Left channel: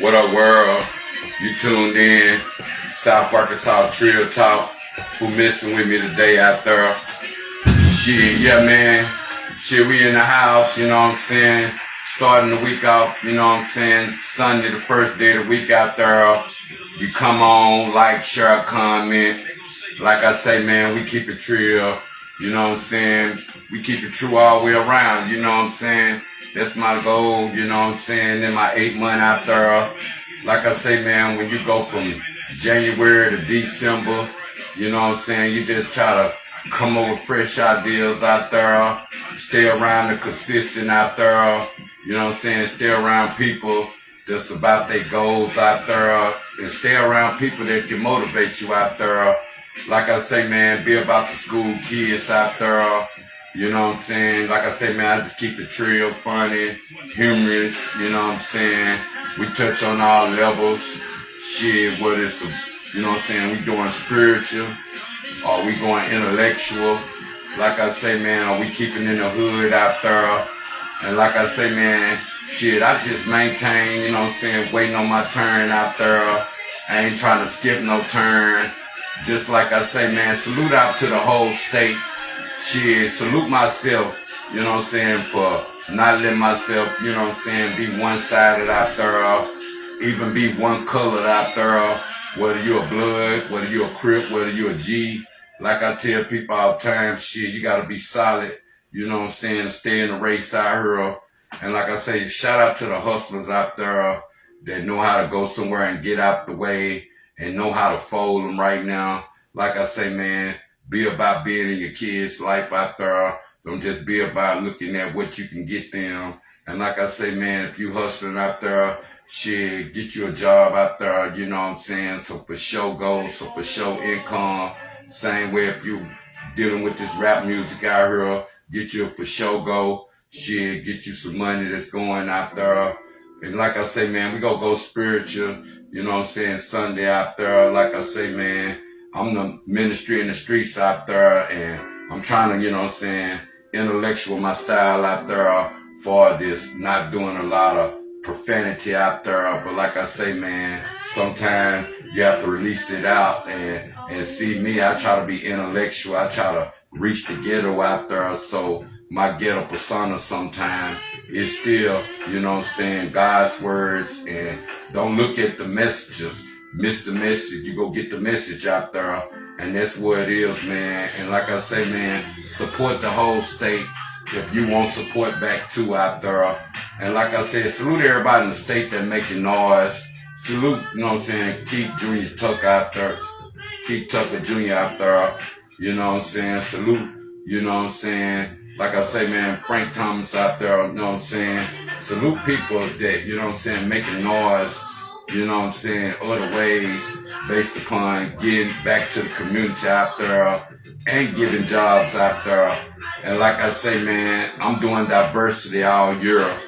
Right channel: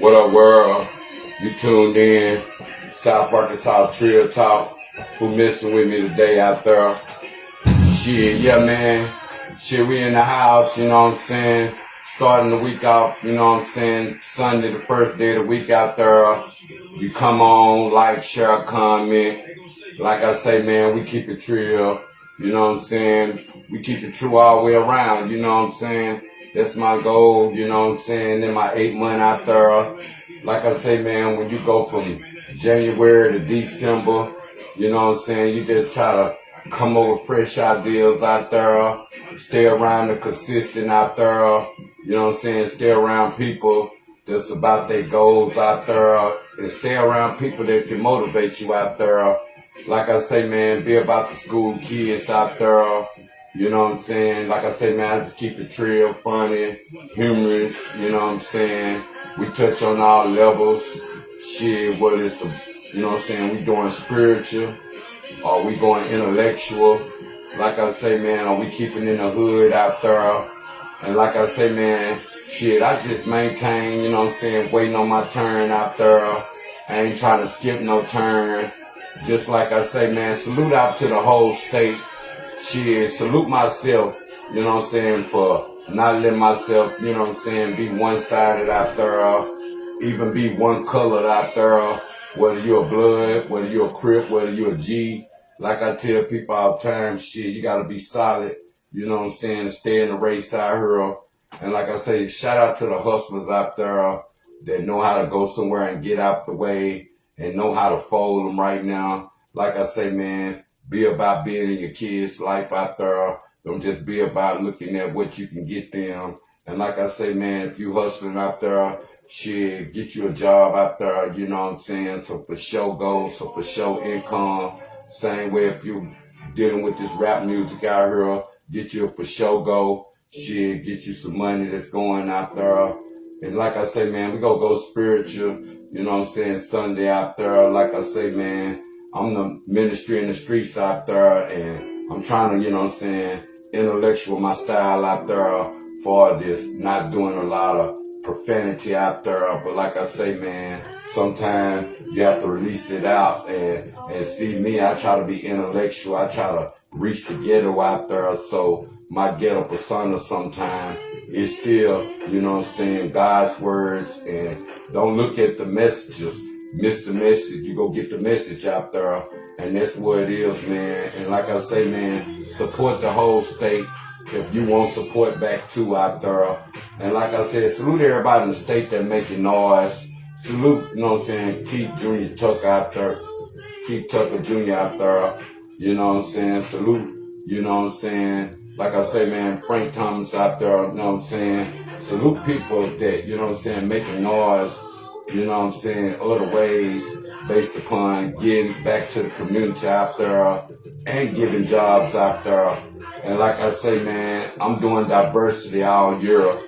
What up, world? You tuned in. South Arkansas Trill Talk. Who missing with me today out there? Shit, yeah, man. Shit, we in the house, you know what I'm saying? Starting the week off, you know what I'm saying? Sunday, the first day of the week out there. You come on, like, share, comment. Like I say, man, we keep it trill. You know what I'm saying? We keep it true all the way around, you know what I'm saying? That's my goal, you know what I'm saying? In my 8 month out there. Like I say, man, when you go from January to December, you know what I'm saying? You just try to come over fresh ideas out there. Stay around the consistent out there. You know what I'm saying? Stay around people that's about their goals out there. And stay around people that can motivate you out there. Like I say, man, be about the school kids out there. You know what I'm saying? Like I say, man, I just keep it trill, funny, humorous, you know what I'm saying? We touch on all levels. Shit, whether it's the, you know what I'm saying, we doing spiritual, or we going intellectual. Like I say, man, are we keeping in the hood out there? And like I say, man, shit, I just maintain, you know what I'm saying, waiting on my turn out there. I ain't trying to skip no turn. Just like I say, man, salute out to the whole state. Shit, salute myself, you know what I'm saying, for not letting myself, you know what I'm saying, be one-sided out there, even be one-colored out there, whether you're a blood, whether you're a Crip, whether you're a G. Like I tell people all the time, shit, you gotta be solid, you know what I'm saying, stay in the race out here. And like I say, shout out to the hustlers out there that know how to go somewhere and get out the way and know how to fold them right now. Like I say, man, be about being in your kids' life out there. Don't just be about looking at what you can get them. And like I say, man, if you hustling out there, shit, get you a job out there, you know what I'm saying? So for sure goals, so for sure income. Same way if you dealing with this rap music out here, get you a for sure goal. Shit, get you some money that's going out there. And like I say, man, we gonna go spiritual, you know what I'm saying, Sunday out there. Like I say, man, I'm the ministry in the streets out there, and I'm trying to, you know what I'm saying, intellectual my style out there for this, not doing a lot of profanity out there. But like I say, man, sometimes you have to release it out and see me. I try to be intellectual. I try to reach the ghetto out there. So my ghetto persona sometimes is still, you know what I'm saying, God's words. And don't look at the messages. Miss the message. You go get the message out there. And that's what it is, man. And like I say, man, support the whole state if you want support back too out there. And like I said, salute everybody in the state that making noise. Salute, you know what I'm saying, Keith Jr. Tuck out there. Keith Tucker Jr. out there. You know what I'm saying? Salute, you know what I'm saying? Like I say, man, Frank Thomas out there, you know what I'm saying? Salute people that, you know what I'm saying, making noise, you know what I'm saying, other ways based upon getting back to the community out there and giving jobs out there. And like I say, man, I'm doing diversity all year.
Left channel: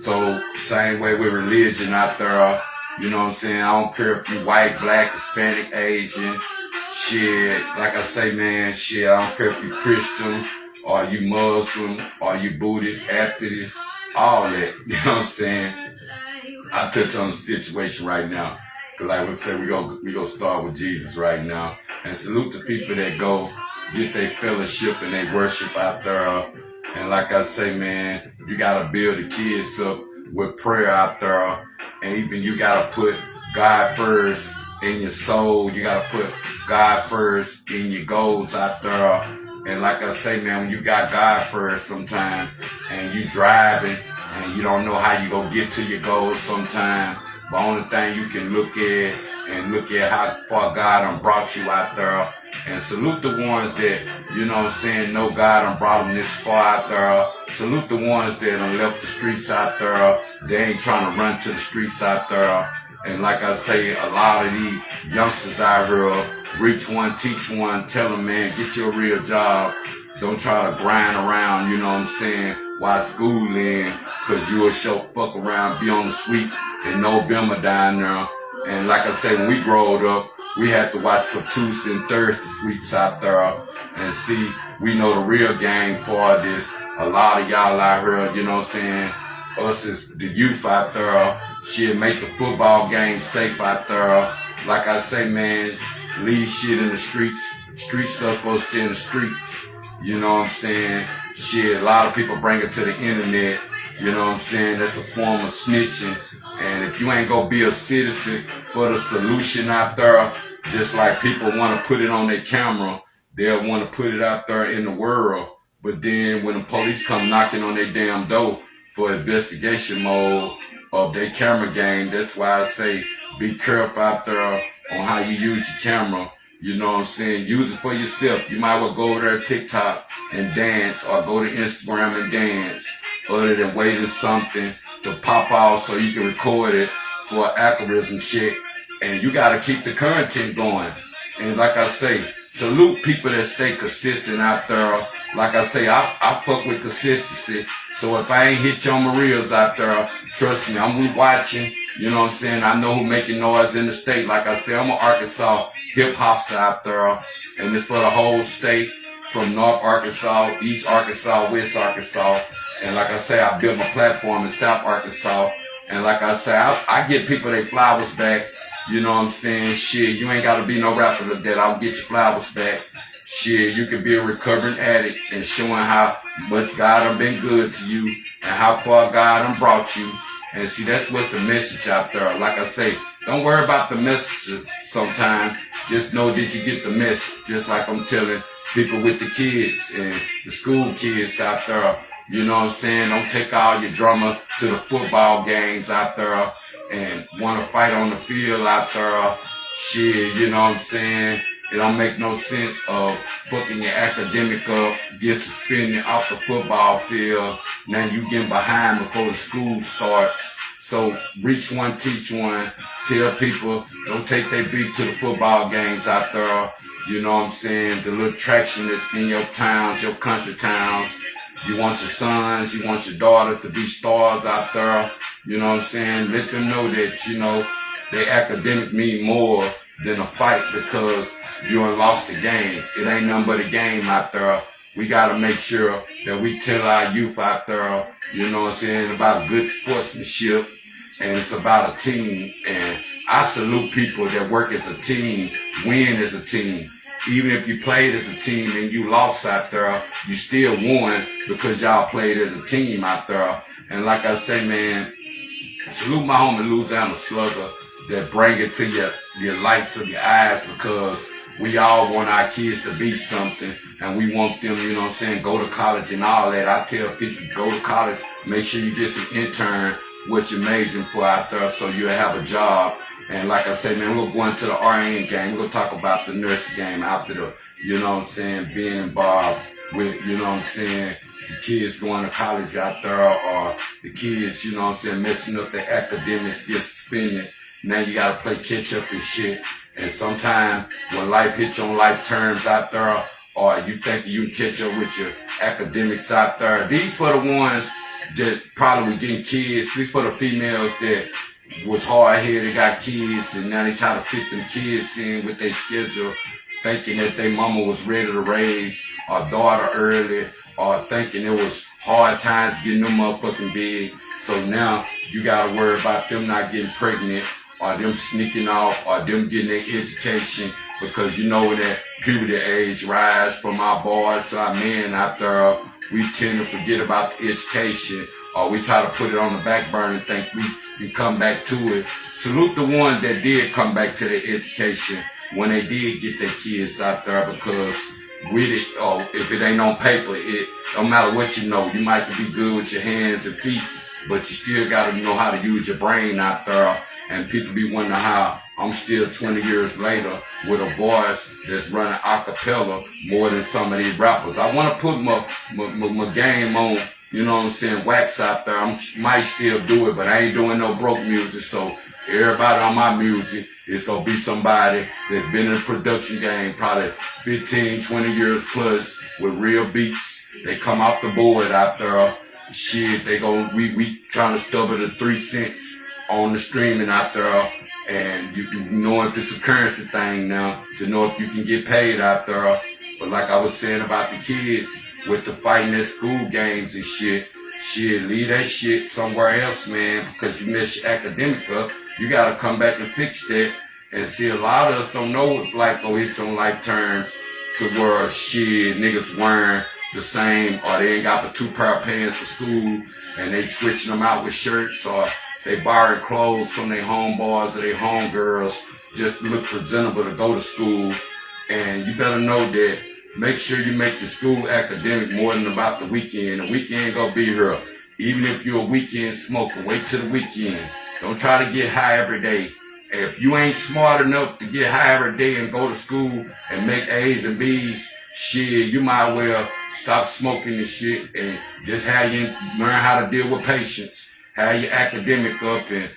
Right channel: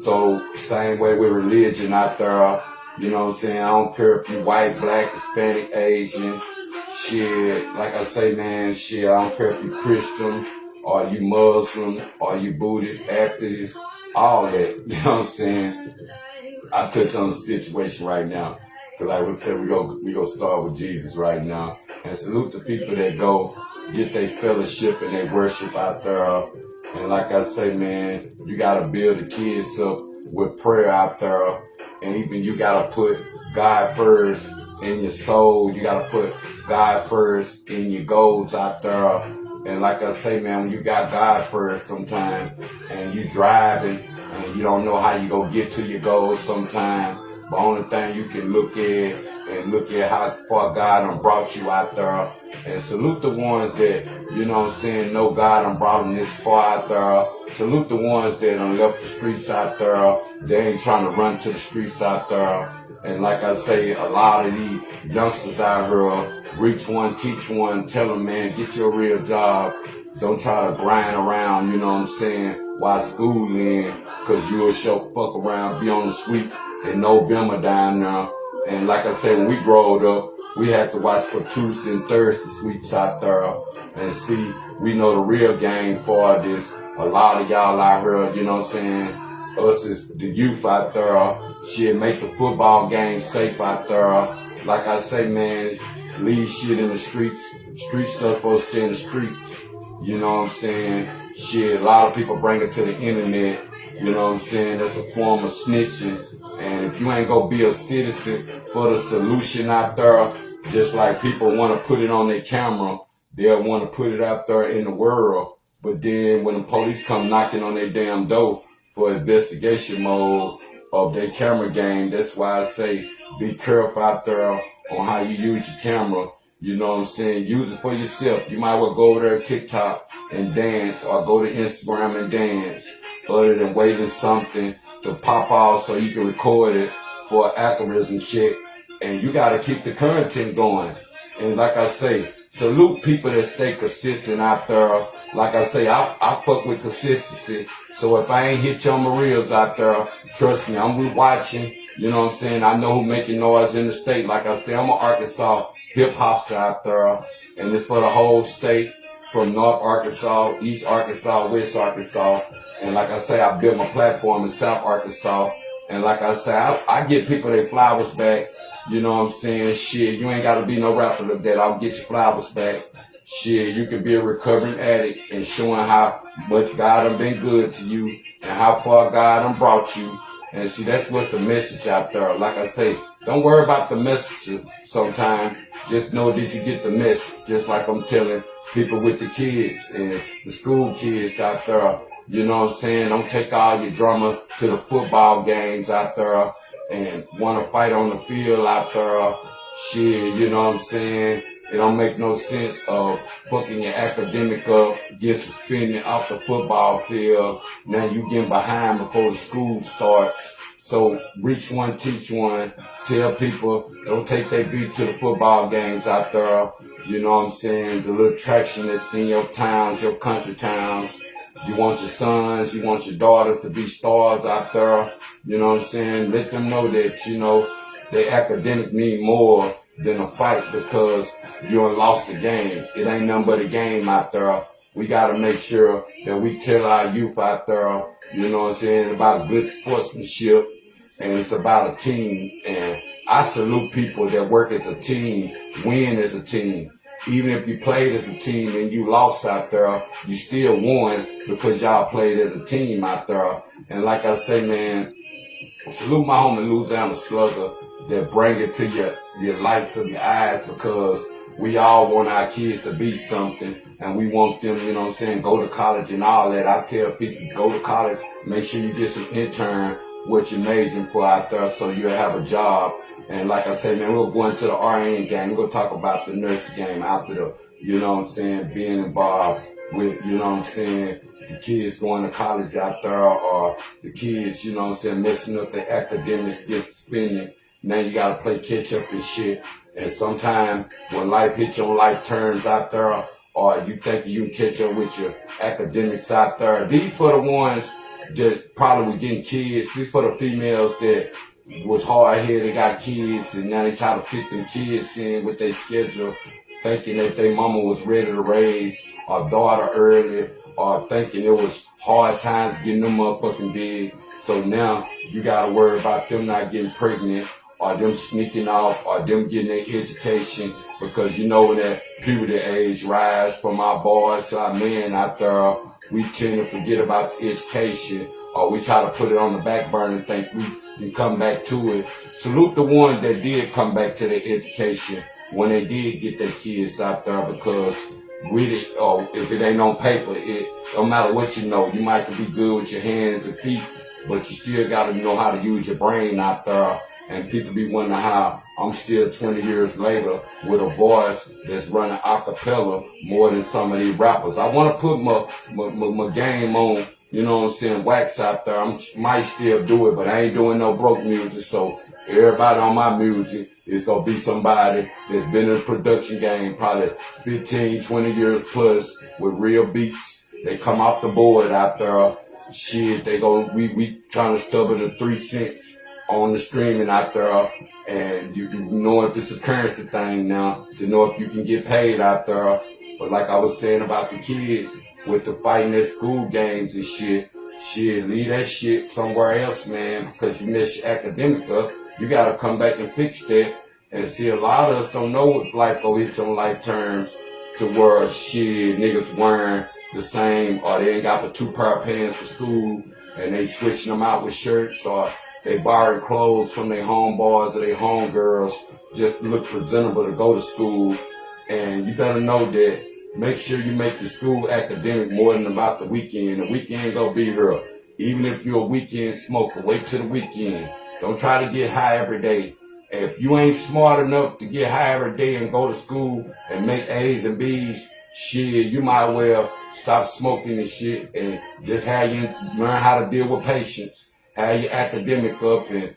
So same way with religion out there, you know what I'm saying? I don't care if you white, black, Hispanic, Asian, shit. Like I say, man, shit, I don't care if you Christian or you Muslim or you Buddhist, atheist, all that, you know what I'm saying? I touch on the situation right now. Cause like we said, we go start with Jesus right now. And salute the people that go get their fellowship and they worship out there. And like I say, man, you gotta build the kids up with prayer out there. And even you gotta put God first in your soul. You gotta put God first in your goals out there. And like I say, man, when you got God first sometimes and you driving and you don't know how you gonna get to your goals sometimes, the only thing you can look at and look at how far God done brought you out there. And salute the ones that, you know what I'm saying, know God done brought them this far out there. Salute the ones that done left the streets out there. They ain't trying to run to the streets out there. And like I say, a lot of these youngsters out here, reach one, teach one, tell them, man, get you a real job. Don't try to grind around, you know what I'm saying, while schooling, because you will show fuck around, be on the sweep in November down there. And like I said, when we growed up, we had to watch for Tuesday and Thursday sweeps out there and see, we know the real game for this. A lot of y'all out here, you know what I'm saying, us as the youth out there. Shit, make the football game safe out there. Like I say, man, leave shit in the streets. Street stuff goes stay in the streets. You know what I'm saying? Shit, a lot of people bring it to the internet. You know what I'm saying? That's a form of snitching. And if you ain't gonna be a citizen for the solution out there, just like people want to put it on their camera, they'll want to put it out there in the world. But then when the police come knocking on their damn door for investigation mode of their camera game, that's why I say be careful out there on how you use your camera. You know what I'm saying? Use it for yourself. You might well go over there to TikTok and dance, or go to Instagram and dance, other than waiting something to pop off so you can record it for an algorithm check. And you got to keep the content going. And like I say, salute people that stay consistent out there. Like I say, I fuck with consistency. So if I ain't hit you on my reels out there, trust me, I'm watching. You know what I'm saying? I know who making noise in the state. Like I say, I'm an Arkansas hip-hopster out there. And it's for the whole state, from North Arkansas, East Arkansas, West Arkansas. And like I say, I built my platform in South Arkansas. And like I say, I get people their flowers back. You know what I'm saying? Shit, you ain't got to be no rapper that I'll get your flowers back. Shit, you can be a recovering addict and showing how much God done been good to you and how far God done brought you. And see, that's what's the message out there. Like I say, don't worry about the message sometimes. Just know that you get the message. Just like I'm telling people with the kids and the school kids out there. You know what I'm saying? Don't take all your drama to the football games out there and want to fight on the field out there. Shit, you know what I'm saying? It don't make no sense of fucking your academic up, get suspended off the football field. Now you getting behind before the school starts. So reach one, teach one. Tell people don't take their beat to the football games out there. You know what I'm saying? The little traction that's in your towns, your country towns. You want your sons, you want your daughters to be stars out there. You know what I'm saying? Let them know that, you know, their academic mean more than a fight because you done lost the game. It ain't nothing but a game out there. We got to make sure that we tell our youth out there, you know what I'm saying, about good sportsmanship, and it's about a team. And I salute people that work as a team, win as a team. Even if you played as a team and you lost out there, you still won because y'all played as a team out there. And like I say, man, salute my homie Louisiana Slugger that bring it to your lights of your eyes, because we all want our kids to be something and we want them, you know what I'm saying, go to college and all that. I tell people, go to college, make sure you get some intern, what you're majoring for out there so you'll have a job. And like I said, man, we'll go into the RN game. We're going to talk about the nursing game after the, you know what I'm saying, being involved with, you know what I'm saying, the kids going to college out there, or the kids, you know what I'm saying, messing up their academics, get suspended. Now you got to play catch up and shit. And sometimes when life hits you on life terms out there, or you think you can catch up with your academics out there, these for the ones that probably were getting kids. These for the females that was hard-headed, got kids, and now they try to fit them kids in with their schedule, thinking that their mama was ready to raise our daughter early, or thinking it was hard times getting them motherfucking big. So now you gotta worry about them not getting pregnant, or them sneaking off, or them getting their education, because you know when that puberty age rise from our boys to our men out there, we tend to forget about the education, or we try to put it on the back burner and think we can come back to it. Salute the ones that did come back to their education when they did get their kids out there, because with it, or if it ain't on paper, it don't matter what you know. You might be good with your hands and feet, but you still got to know how to use your brain out there. And people be wondering how I'm still 20 years later with a voice that's running a cappella more than some of these rappers. I want to put my game on, you know what I'm saying, wax out there. I might still do it, but I ain't doing no broke music. So everybody on my music is going to be somebody that's been in the production game probably 15, 20 years plus with real beats. They come off the board out there. Shit, we trying to stubble the 3 cents on the streaming out there, and you know if it's a currency thing now, to know if you can get paid out there. But like I was saying about the kids, with the fighting at school games and shit, Shit, leave that shit somewhere else, man, because you mess your academic up. You gotta come back and fix that. And see, a lot of us don't know what life go hit on life terms to where shit, niggas wearing the same, or they ain't got but 2 pair of pants for school, and they switching them out with shirts, or they borrowing clothes from their homeboys or their homegirls just to look presentable to go to school. And you better know that. Make sure you make your school academic more than about the weekend. The weekend gonna be here. Even if you're a weekend smoker, wait till the weekend. Don't try to get high every day. If you ain't smart enough to get high every day and go to school and make A's and B's, shit, you might well stop smoking and shit and just have you learn how to deal with patience, have your academic up and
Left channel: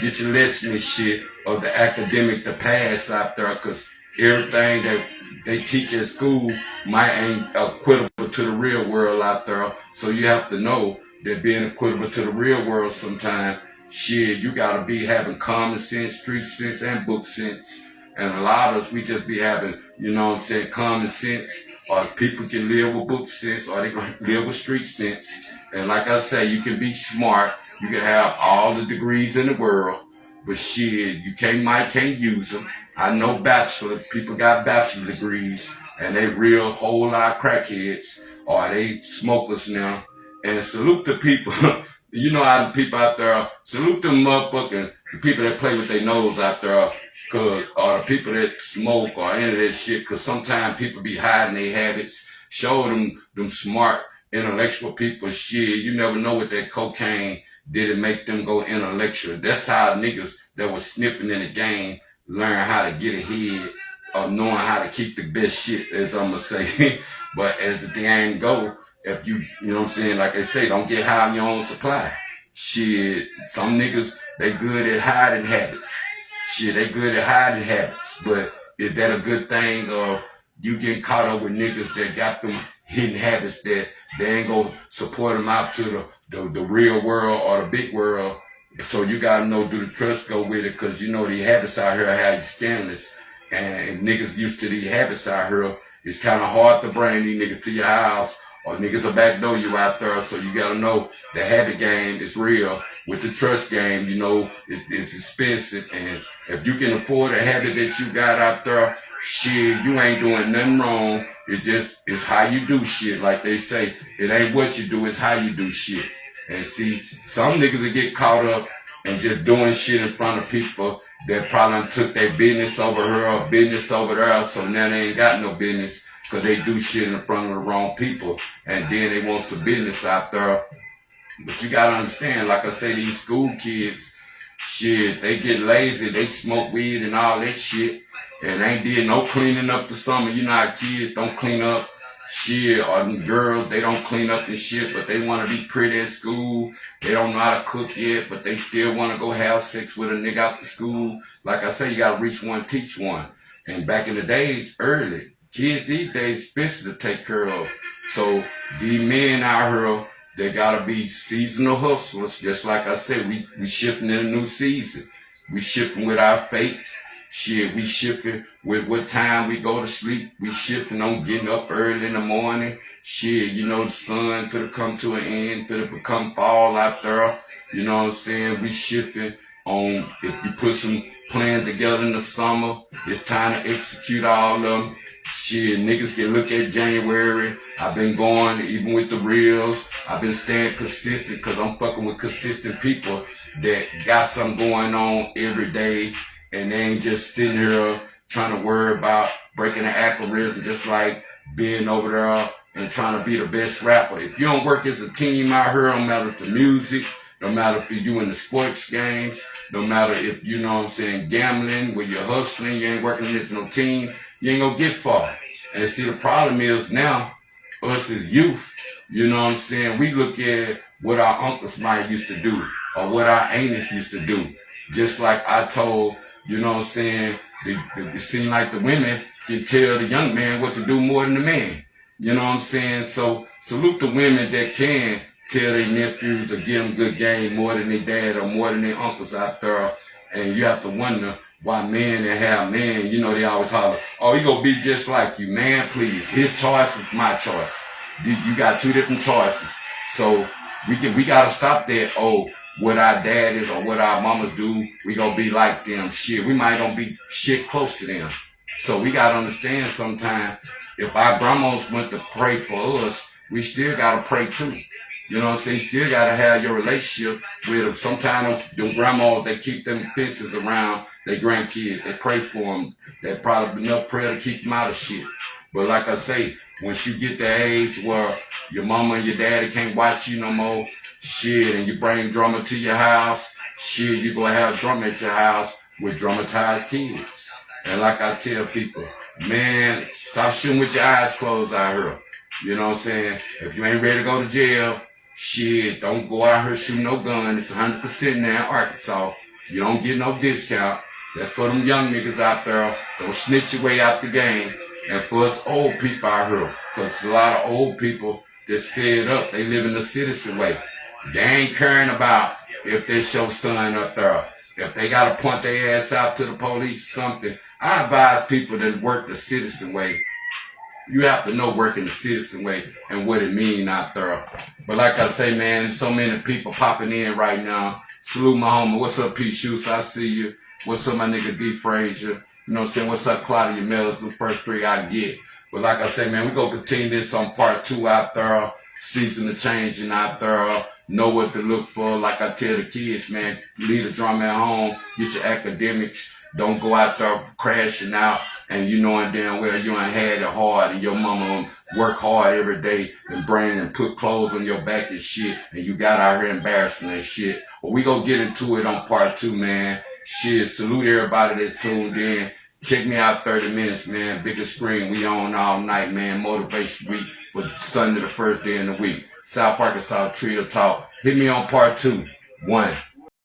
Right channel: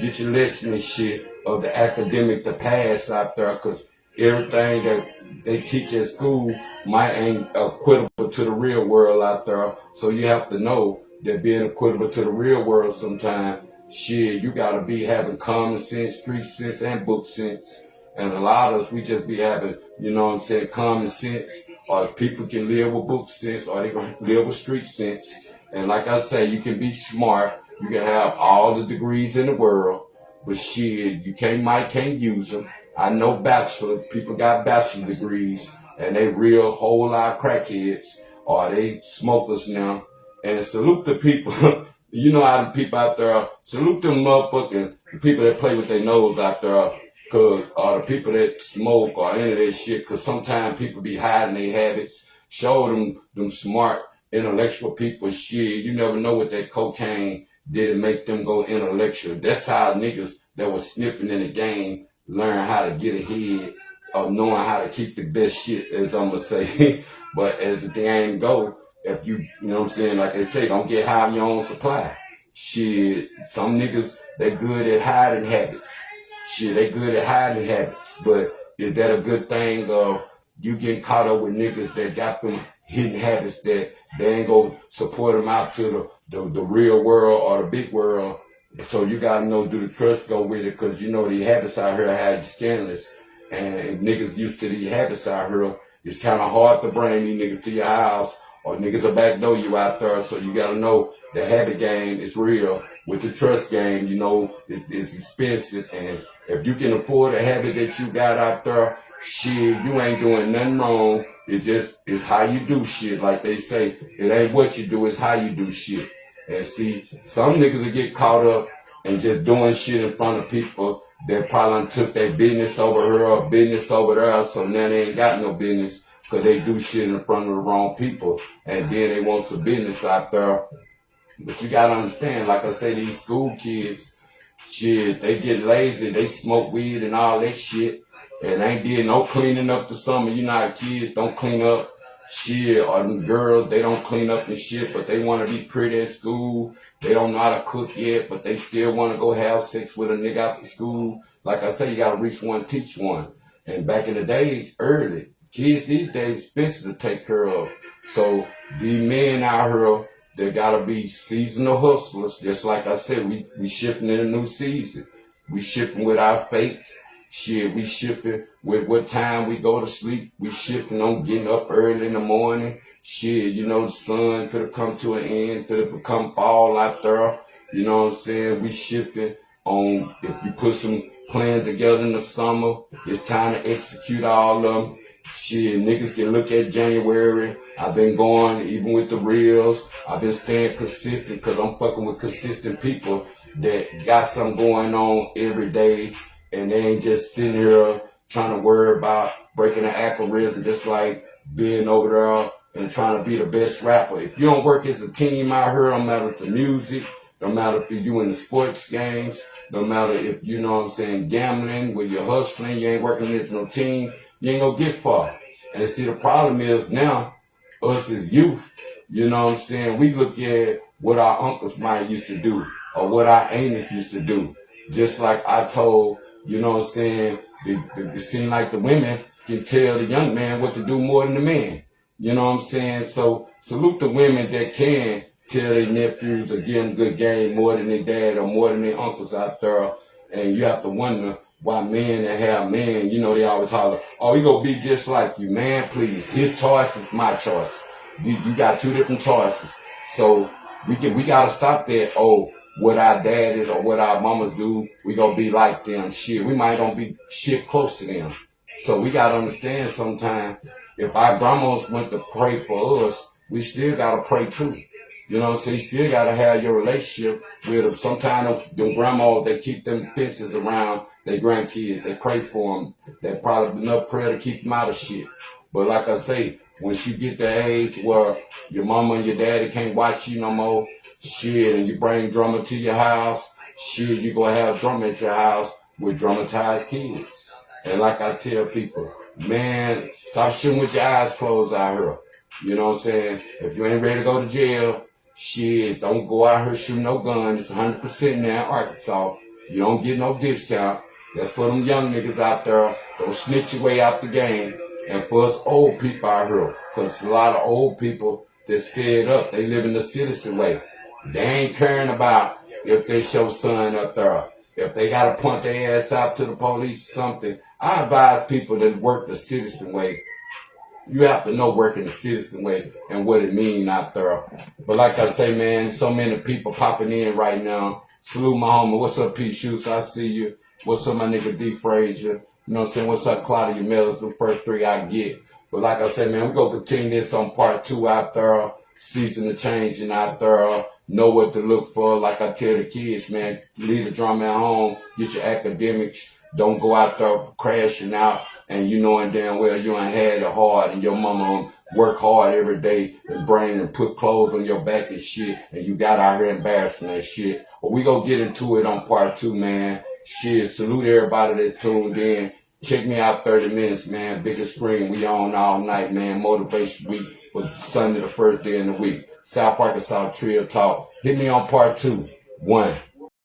get your lesson and shit of the academic to pass out there, because everything that they teach at school might ain't equitable to the real world out there. So you have to know that being equitable to the real world sometimes, shit, you gotta be having common sense, street sense, and book sense. And a lot of us, we just be having, you know what I'm saying, common sense, or people can live with book sense, or they can live with street sense. And like I say, you can be smart, you can have all the degrees in the world, but shit, you can't use them. I know people got bachelor degrees, and they real whole lot of crackheads, or they smokers now. And salute the people. You know how the people out there, salute them motherfucking, the people that play with their nose out there, or the people that smoke or any of that shit, because sometimes people be hiding their habits. Show them smart, intellectual people shit. You never know what that cocaine did to make them go intellectual. That's how niggas that was sniffing in the game learn how to get ahead of knowing how to keep the best shit, as I'm going to say. But as the thing go, if you know what I'm saying, like I say, don't get high on your own supply. Shit, some niggas, they good at hiding habits. Shit, they good at hiding habits. But is that a good thing, or you getting caught up with niggas that got them hidden habits that they ain't gonna support them out to the real world or the big world? So you gotta know, do the trust go with it? Because you know these habits out here have you scandalous. And if niggas used to these habits out here, it's kind of hard to bring these niggas to your house, or niggas will backdoor you out there. So you gotta know the habit game is real. With the trust game, you know, it's expensive. And if you can afford a habit that you got out there, shit, you ain't doing nothing wrong. It's how you do shit. Like they say, it ain't what you do, it's how you do shit. And see, some niggas will get caught up and just doing shit in front of people that probably took their business over here or business over there. So now they ain't got no business, because they do shit in front of the wrong people, and then they want some business out there. But you gotta understand, like I say, these school kids, shit, they get lazy, they smoke weed and all that shit, and ain't did no cleaning up the summer. You know how kids don't clean up shit, or them girls, they don't clean up and shit, but they want to be pretty at school. They don't know how to cook yet, but they still want to go have sex with a nigga after school. Like I say, you gotta reach one, teach one. And back in the days, early, kids these days expensive to take care of. So these men out here, they gotta be seasonal hustlers. Just like I said, we shifting in a new season. We shifting with our fate. Shit, we shifting with what time we go to sleep. We shifting on getting up early in the morning. Shit, you know, the sun could have come to an end, could have become fall out there. You know what I'm saying? We shifting on, if you put some plans together in the summer, it's time to execute all of them. Shit, niggas can look at January. I've been going, even with the reels, I've been staying consistent, because I'm fucking with consistent people that got something going on every day, and they ain't just sitting here trying to worry about breaking the algorithm, just like being over there and trying to be the best rapper. If you don't work as a team out here, no matter if the music, no matter if you're doing the sports games, no matter if, you know what I'm saying, gambling, where you're hustling, you ain't working as no team, you ain't gonna get far. And see, the problem is now, us as youth, you know what I'm saying, we look at what our uncles might used to do, or what our aunties used to do. Just like I told, you know what I'm saying, it seems like the women can tell the young man what to do more than the man. You know what I'm saying? So salute the women that can tell their nephews or give them good game more than their dad or more than their uncles out there. And you have to wonder why men that have men, you know, they always holler, oh, he gonna be just like you. Man, please, his choice is my choice. You got two different choices. So We gotta stop that. Oh, what our dad is or what our mamas do, we gonna be like them. Shit, we might don't be shit close to them. So we gotta understand sometimes if our grandmas went to pray for us, we still gotta pray too. You know what I'm saying? You still gotta have your relationship with them. Sometimes them grandmas, they keep them fences around their grandkids. They pray for them. They probably enough prayer to keep them out of shit. But like I say, once you get the age where your mama and your daddy can't watch you no more, shit, and you bring drama to your house, shit, you gonna have drama at your house with traumatized kids. And like I tell people, man, stop shooting with your eyes closed out here. You know what I'm saying? If you ain't ready to go to jail, shit, don't go out here shooting no gun. It's 100% now in Arkansas. You don't get no discount. That's for them young niggas out there. Don't snitch your way out the game. And for us old people out here, because a lot of old people that's fed up, they live in the citizen way. They ain't caring about if they show son up there. If they got to point their ass out to the police or something, I advise people that work the citizen way. You have to know working the citizen way and what it mean out there. But like I say, man, so many people popping in right now. Salute my homie. What's up, P. Shoes? I see you. What's up, my nigga D. Frazier? You know what I'm saying? What's up, Claudia Mills? The first three I get. But like I say, man, we gonna continue this on part 2 out there. Season of changing out there. Know what to look for. Like I tell the kids, man, leave the drama at home. Get your academics. Don't go out there crashing out. And you knowing damn well you ain't had it hard and your mama work hard every day and bring and put clothes on your back and shit and you got out here embarrassing that shit. But we gonna get into it on part 2, man. Shit, salute everybody that's tuned in. Check me out 30 minutes, man. Biggest screen. We on all night, man. Motivation week for Sunday, the first day in the week. South Arkansas Trio Talk. Hit me on part 2. 1.